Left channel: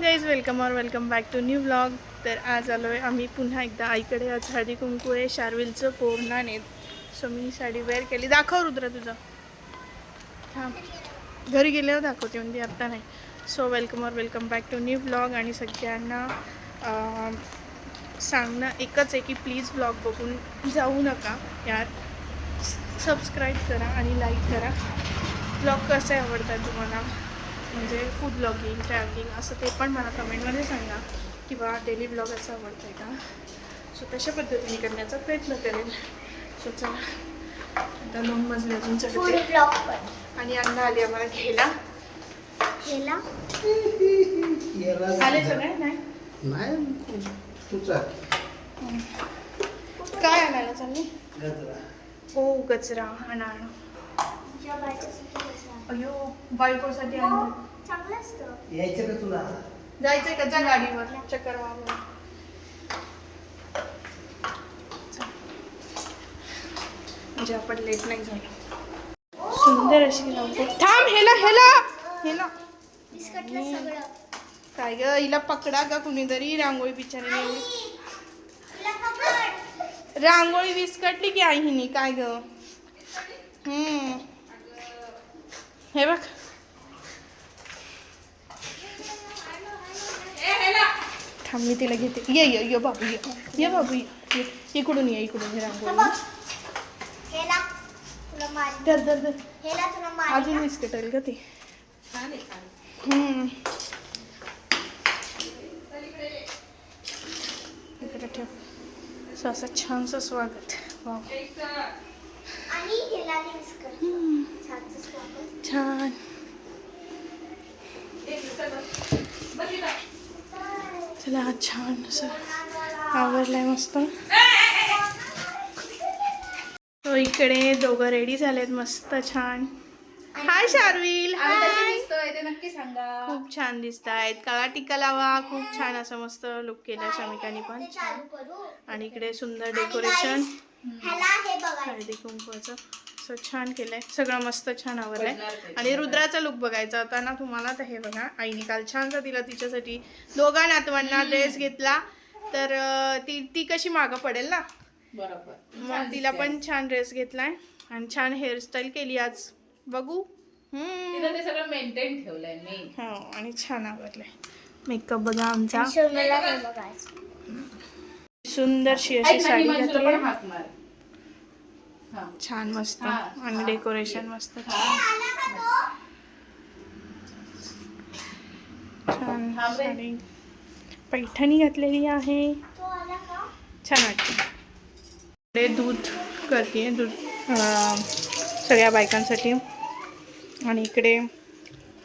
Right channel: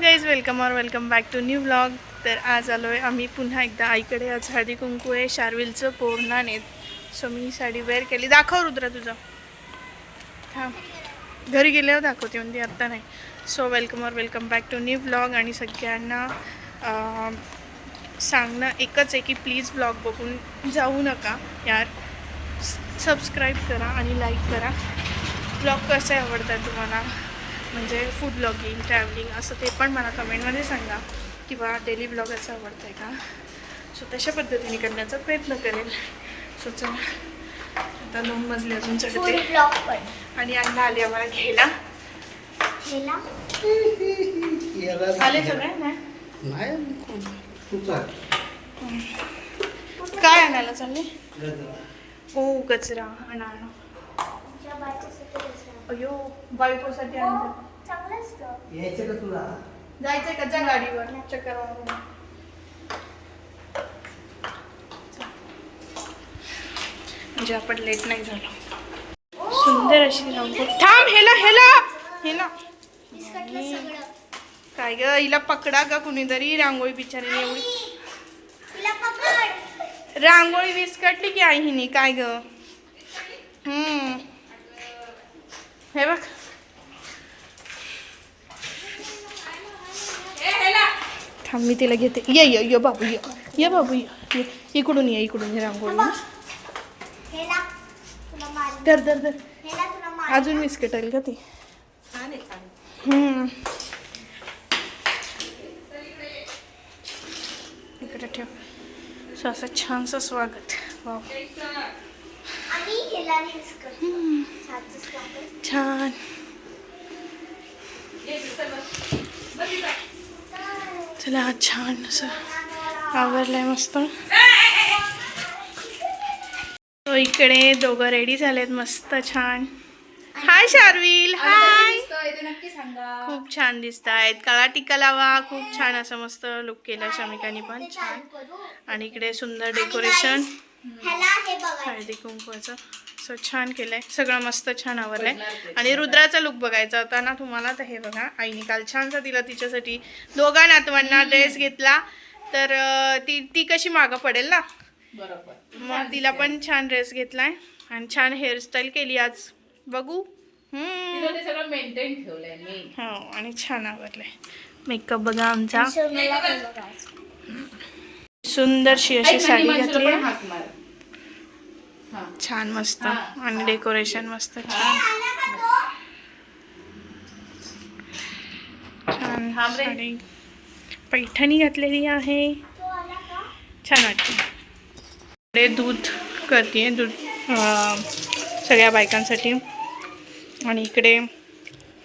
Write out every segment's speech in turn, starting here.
Guys welcome back to new vlog. तर आज आलो आहे आम्ही पुन्हा एकदा आईकडे. आज हळदी कुंकू आहे, शार्विलचं पौर्णाने. सो मी साडी वेअर केली. दाखव रुद्रा तुझं. थांब, घरी गेल्यावर दाखवते म्हणजे आत्ता नाही. So welcome back to new vlog. आणि सगळ्यांना सांगणं एकच आहे की प्लीज व्लॉग बघून जाऊ नका यार. सबस्क्राईब करा आणि लाईक करा. व्लॉग कसे आवडतात तुम्हाला, म्हणजे फूड ब्लॉगिंग, ट्रॅव्हलिंग असं ते पण मला कमेंटमध्ये सांगा. किंवा डेली ब्लॉग असं आवडतं आहे का. सो तशा पद्धतीने करण्याचा प्रयत्न करेल. सो चला आता 9 मजले अजून चढते. आणि अण्णा आले आम्हाला घ्यायला. आले सगळे नाही काय आणायला चालले. हो गजरा आणा. अयो बायकोसाठी यायचं का तुला? जायचंय का? जा गाडीवर चक्कर मारून. म्हणजे आपण लेट नाही झालो. सुंदर अशी रांगोळी. थांब, हेला काय ग, हिला पकडा का कुणीतरी. रांगोळी बिचारीने एवढी रांगोळी विस्कटली की आई हिनी. काय ग. हे बघ, थांब मी तिला घेते. ये बाबू, ये बाबू, ये इकडून ये रांगोळी. दर अजून विस्कटेल का ते. इकडे ठेव. सो असं छानसं स्वागत. वाव छान. चला छान असं आवरलंय मस्त. तो इकडे दोघं रेडी झालेत मस्त छान. हाय शार्विल, हाय. खूप छान दिसत आहेत. काळा टिक्का लावा. खूप छान असं मस्त लुक केला शमिकाने पण छान. आणि इकडे सुंदर डेकोरेशन हळदी कुंकवाचं. सो छान केलंय सगळं मस्त छान आवरलंय. आणि रुद्राचा लुक बघायचा होता ना तुम्हाला, तर हे बघा आईने काल छानसा तिला तिच्यासाठी दोघा नातवांना ड्रेस घेतला. तर ती कशी मागं पडेल ना, मग तिला पण छान ड्रेस घेतलाय. आणि छान हेअरस्टाईल केली आज. बघू. हो आणि छान आवरलंय. मेकअप बघा आमचा. सुंदरशी अशी साडी घातली आहे छान मस्त. आणि डेकोरेशन मस्त छान छान. साडी पैठणी घातलेली आहे, छान वाटते. दूध करते, दूध सगळ्या बायकांसाठी. आणि इकडे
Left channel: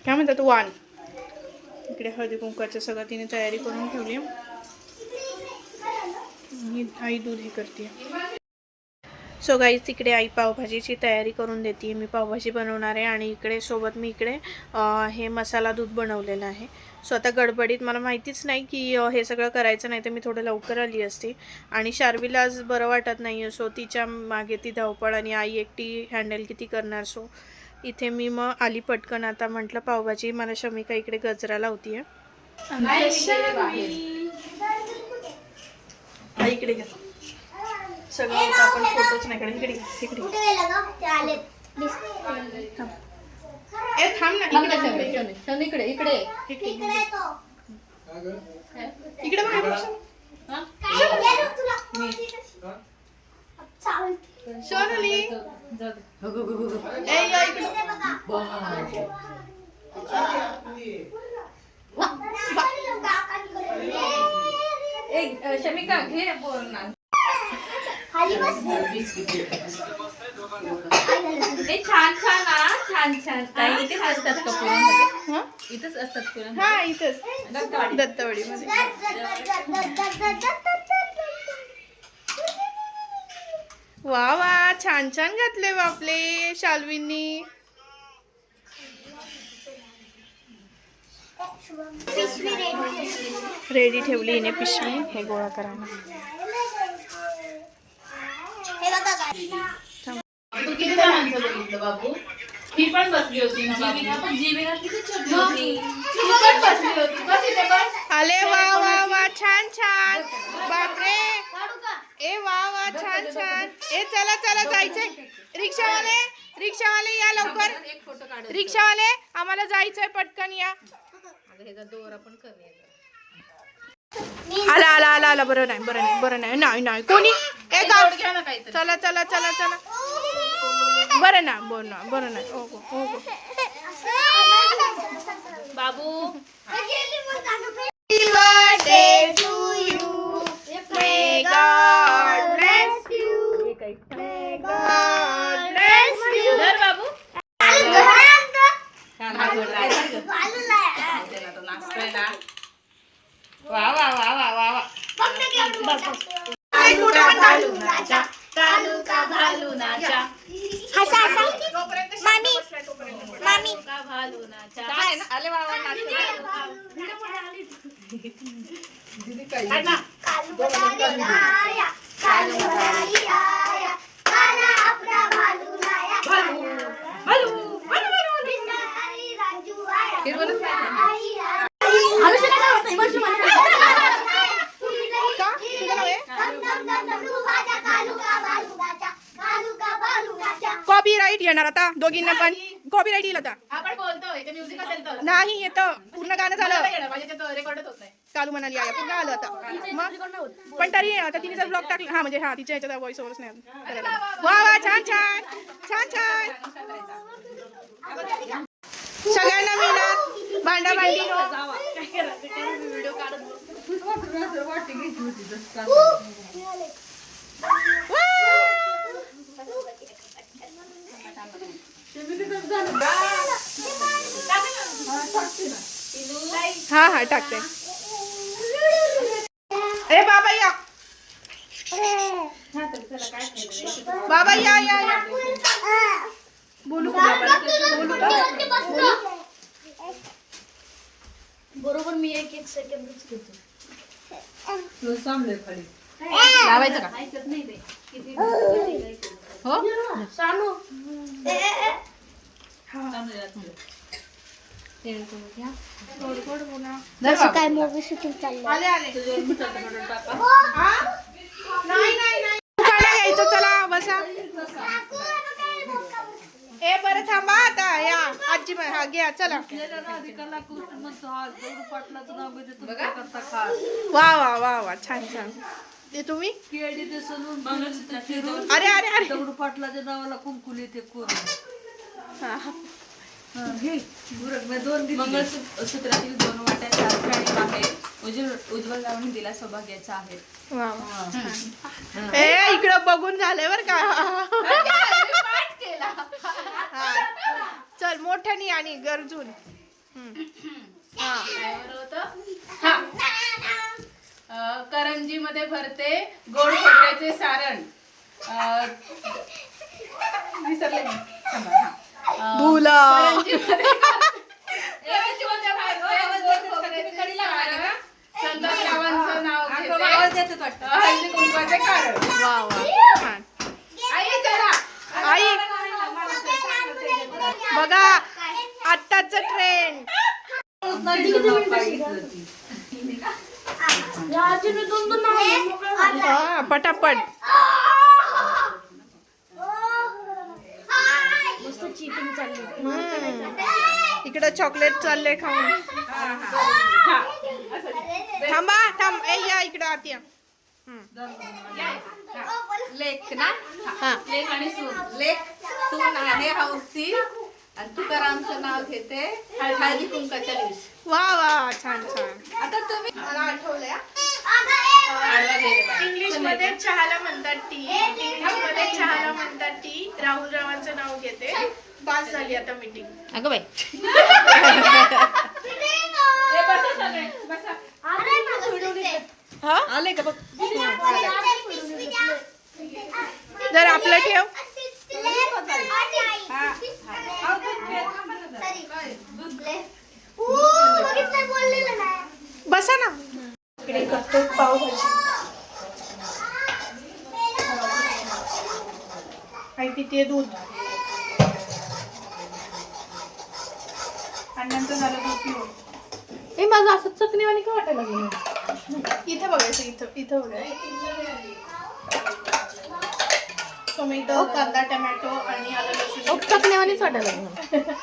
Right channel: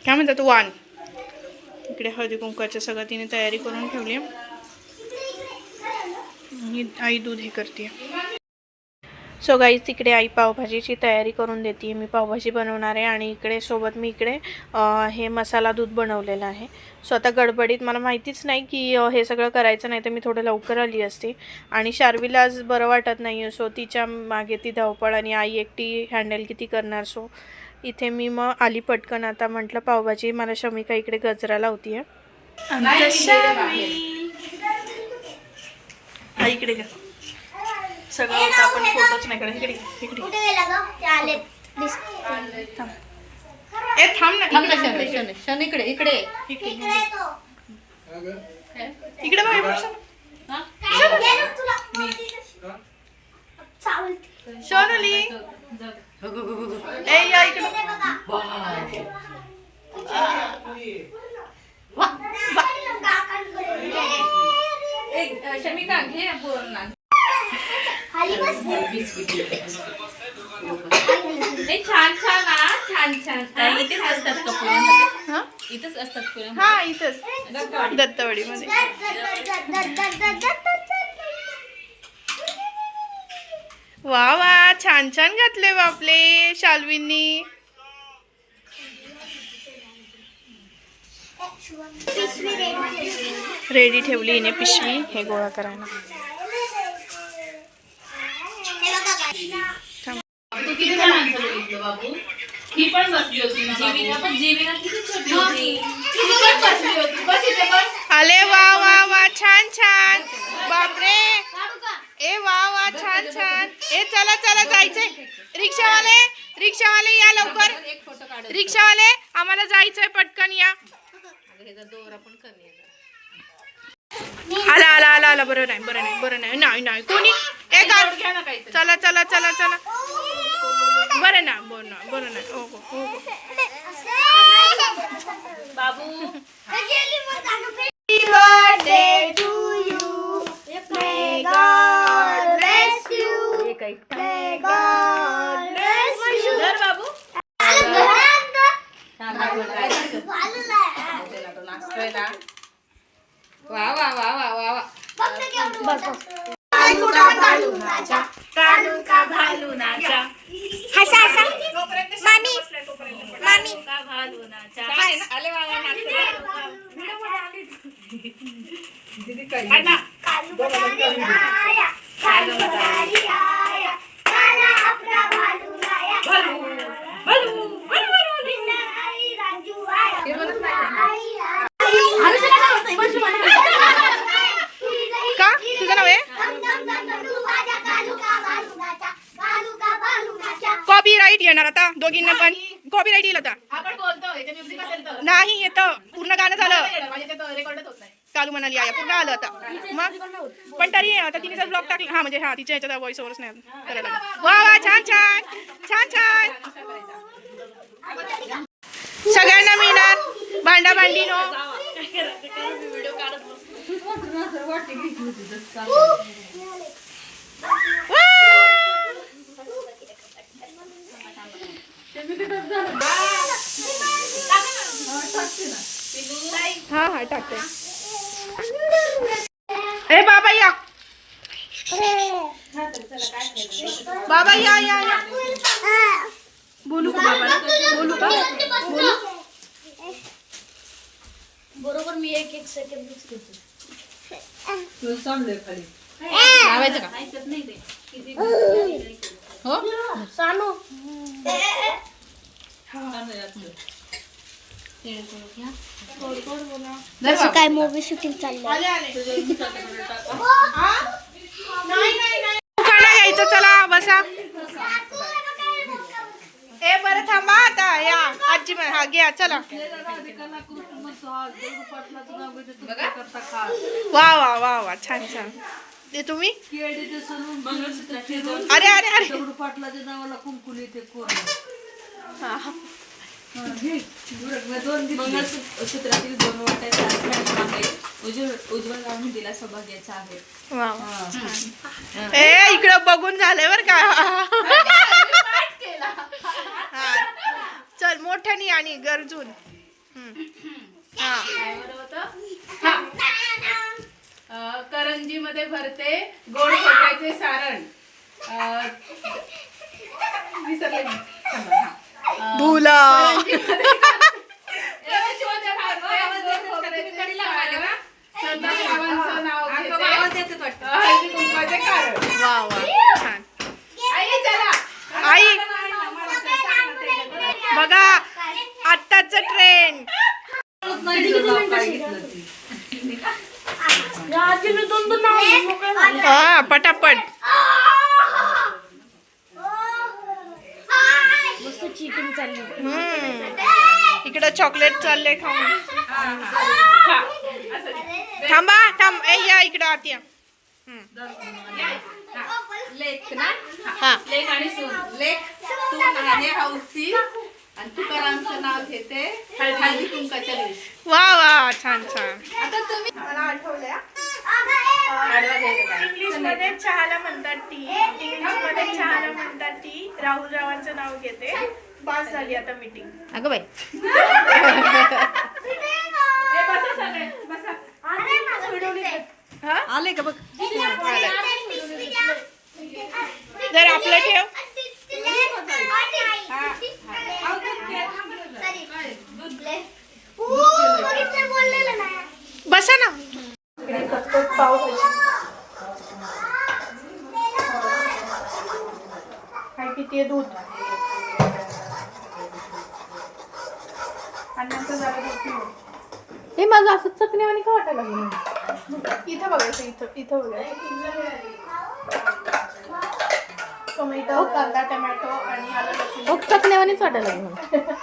काय म्हणतात वाण. इकडे हळदी कुंकाच्या सगळं तिने तयारी करून ठेवली. आई दूध हे करते. सो गाईज तिकडे आई पावभाजीची तयारी करून देते. मी पावभाजी बनवणार आहे. आणि इकडे सोबत मी इकडे हे मसाला दूध बनवलेलं आहे. सो आता गडबडीत मला माहितीच नाही की हे सगळं करायचं नाही, तर मी थोडं लवकर आली असते. आणि शार्विला आज बरं वाटत नाही आहे. सो तिच्या मागे ती धावपळ आणि आई एकटी हँडल किती करणार. सो इथे मी मग आली पटकन. आता म्हटलं पावभाजी. मला शमिका इकडे गजरा लावती आहे. इकडे का सगळं होतं, आपण फोटोच नाही काढत. इकडे थांब. ए थांब ना, इकडे इकडे बघ. सोनली ए या इकडे. शमिका घे बोल. छान इथेच असतात का पुण्यामध्ये? इथेच असतात पुण्यामध्ये. हा इथंच दत्तवाडीमध्ये. वा वा छान घातले बापले शाल्वींनी. रेडी ठेवली हिने पिशवी हे गोळा करायला. किती माणसं बघितलं बाबू. ही पण बसली होती ना, जीविना किती छोटी होती. ती पण बसली होती. बस इथे बस. छान छान. बापरे. ए वा वा छान छान. ए चला चला जायचंय. रिक्षावाले रिक्षावाले या लवकर. एक फोटो काढ. रिक्षावाले आम्हाला जायचंय पटकन या. दोरा पण कमी आहे. आला आला आला आला. बरं नाही बरं नाही बरं नाही नाही नाही कोणी. ए गाव घ्या ना काहीतरी. चला चला चला चला. बरं ना बरं ना बरं नाही. हो गो हो गो. बाबू Happy birthday to you. May God bless you. May God bless you. धर बाबू. वा वा वा वा वा वा. हसा हसा. मामी मामी. काय ना? आले बाबा का तुझं नाव आहे. कॉपीराईट येणार आता दोघींना पण. कॉपीराईट येईल आता. आपण बोलतोय ते म्युझिक असेल तर नाही येतं. पूर्ण गाणं झालं. माझ्या ते रेकॉर्डच होत नाही. कालू म्हणाली आया पूर्ण आलं आता. मग पण तरी आता तिने जर ब्लॉग टाकला. हा म्हणजे हा तिच्या ह्याच्यात व्हॉइस ओव्हरच नाही करायला. वा वा छान छान छान छान. सगळ्यांना मिळणार भांडा भांडी नो. हा हा टाकते. ए बाबा या. बाबा या या या. बोलू का बाबा? बोलू का? बरोबर मी 1 सेकंद लावायचं का? हो सानू जसं काय मूवी शूटिंग चाललं. आले आले. हा? नाही नाही नाही. खाना घ्यायचं चला बसा. ए बरं थांबा आता या आजी हा घ्या चला. वा वा वा वा छान छान. ते तुम्ही अरे अरे अरे. पाटलाच्या नावाला कुंकुल येते हा. मंगळसूत्रातील 2 वाट्या शास्त्र आणि बाहेर उज्ज्वल लावून दिला सौभाग्याचा आहे. वा वा. ए इकडं बघून झालंय बर का. हा चल मोठ्यानी आणि गरजून. हा करंजी मध्ये भरते गोड खोबऱ्याचे सारण. विसरले मी. थांबा, हा. भुला. संतोषरावांचं नाव घेते हळदी कुंकवाचे कारण. वा वा छान. आई चला. आई बघा आत्ताच ट्रेंड. हा पटापट. चीटिंग चालली. इकडं चॉकलेट चालले खाऊन. थांबा थांब. ए या इकडं आत या. लेख ना. हा लेख आणि सून. लेख सून आहे हौसी आणि तुकारामचं नाव घेते हळदी कुंकाच्या दिवशी. वा वा छान छान. आता तुम्ही मला आठवलंय. आडवा घ्यायला. इंग्लिश मध्ये चहाला म्हणतात टी. इंग्लिश मध्ये चहाला म्हणतात टी. राहुल रावांचं नाव घेते. पास झाली आता मीटिंग. अगं बाई हा आले का बघ. जर आपलं ठेव. बसा ना. इकडे करतो पावभाजी. काय पिते दूध आणि नंतर झालं दूध पिऊन. हे माझं असं चकणी आणि का वाटायला लागलं. इथं बघायचं, इथं बघायचं. टोमॅटो, कांदा, टोमॅटो आणि आलं लसूण. चकण्यावानीच वाटायला लागली मला.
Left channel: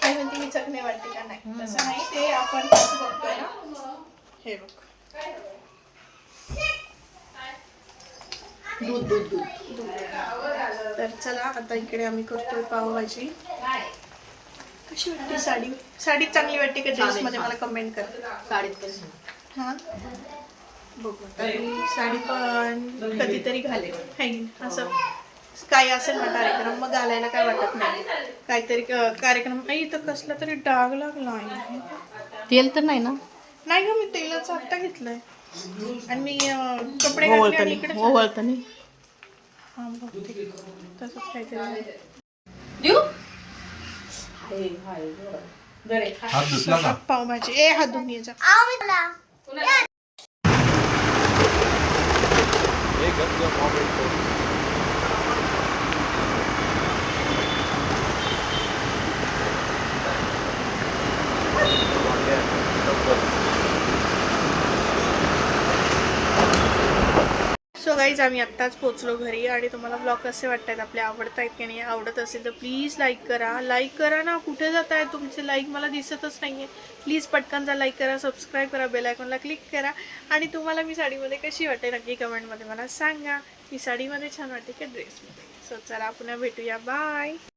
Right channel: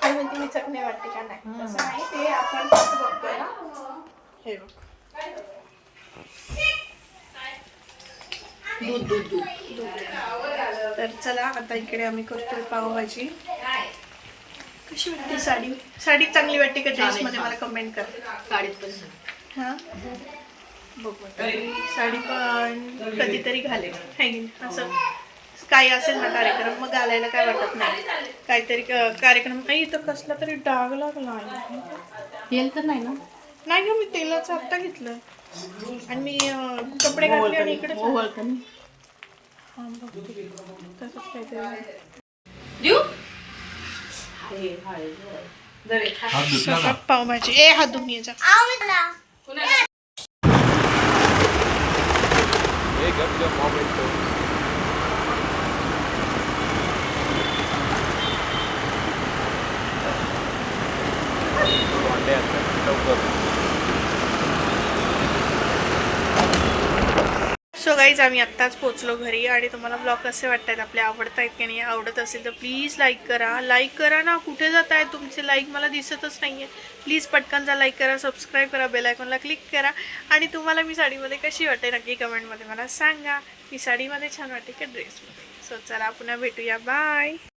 काय म्हणते मी चटणी वाटते का नाही, तसं नाही, ते आपण कसं बघतोय ना. हे बघ, दूध. तर चला आता इकडे आम्ही करतोय पावभाजी. कशी वाटते साडी चांगली वाटते का ड्रेसमध्ये, मला कमेंट कर. हां बघू आता मी साडी पण कधीतरी घालेन, है की नाही? असं काही असेल ना कार्यक्रम, मग घालायला काय वाटत नाही. काहीतरी कार्यक्रम नाही, इथं कसला तरी डाग लागला आहे. तेल तर नाही ना? नाही ग, मी तेलाचं आत्ता घेतलंय आणि मी कपडे घातले आणि इकडे ओळखत नाही. हां बघते तसंच काहीतरी. देऊ सगळं पावभाजी. ए हात धुवून ये जा. सो गाईज आम्ही आत्ताच पोचलो घरी आणि तुम्हाला ब्लॉग कसे वाटतात, आपले आवडत आहेत की नाही. आवडत असेल तर प्लीज लाईक करा ना. कुठे जात आहे तुमचे लाईक, मला दिसतच नाही आहे. प्लीज पटकन लाईक करा, सबस्क्राईब करा, बेल आयकॉनला क्लिक करा. आणि तुम्हाला मी साडीमध्ये कशी वाटते नक्की कमेंटमध्ये मला सांगा. मी साडीमध्ये छान वाटते का ड्रेसमध्ये. सो चला पुन्हा भेटूया, बाय.